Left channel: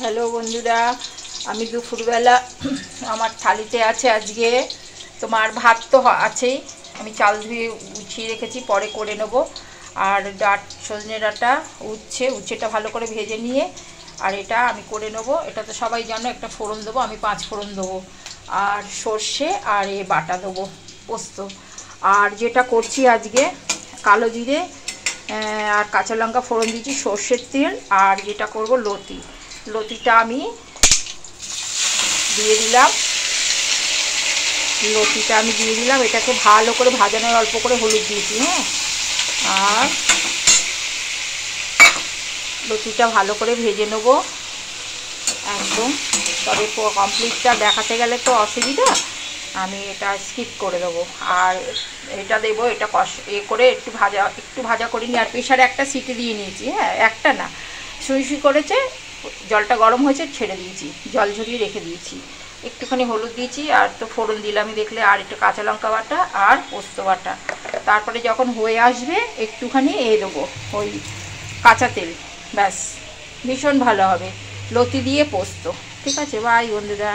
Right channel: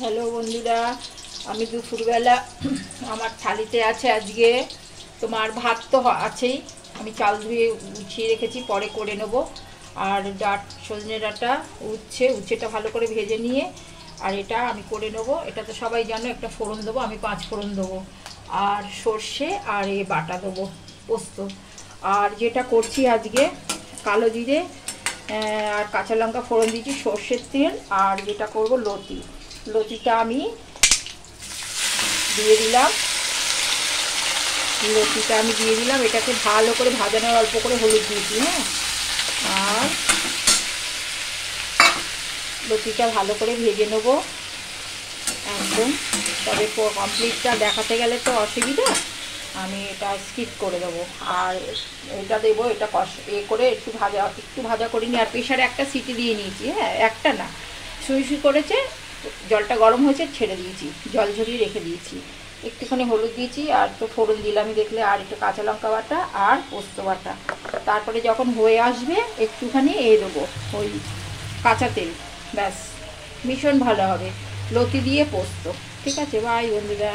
Hello বন্ধুরা, আমি দুপুরবেলা আমার থালিতে আছে আজকে তোমার ভাত তো আছেই, আমি চাল ধুয়ে গুছিয়ে রেখেছি, পরে করে নেব। আর সজনে ডাঁটা উচ্ছেটা ভালো করে ভেজে নিয়ে আর এটা আমি করে নেব। এটা তো সবাই জানো, একটা ফোড়ন দেবো, আমি 5 ফোড়ন দেবো আর সর্ষে আর এ বাটা দেবো পোস্ত। আর যেটা করছি আজকে কালো জিরে আর কাঁচা লঙ্কা ফোড়ন দিয়েছি, সর্ষের তেল, আর যেটা করব লতিটা আমি দিয়ে দিলাম। এটাকে ভালো করে ভাজানোর, অল্প করে হলুদ দিয়েছি। হ্যাঁ, আর লতিটা ভালো করে ভেজে নেব একদম। তবে কমপ্লিটটা দেখাতে গেলে তো অসুবিধা, আমি এটা স্কিপ করে দেবো। আর এটা দেবো, এটা করে একটু ভাজা করে নিই। আর প্রেশারে একটা সিটি দিয়ে নিয়েছি। হ্যাঁ, একটা না, সুই করেছে, জলটা গরম হয়েছে, ছেড়ে দিয়েছি, জল ঝরিয়ে রেখে দিয়েছি। একটুখানি হলুদ দিয়েছি আর তো ফোড়ন দিলামই দেখলে, আর একটু কাঁচা লঙ্কা বাটা আর পোস্ত বাটা। তারপরে যখন হয়ে আসবে একটুখানি দেবো ওই কাঁচা তেল, ব্যাস, ভীষণ ভালো হবে। লতি দিয়ে পোস্ত। ঠিক আছে, বাই বন্ধুরা।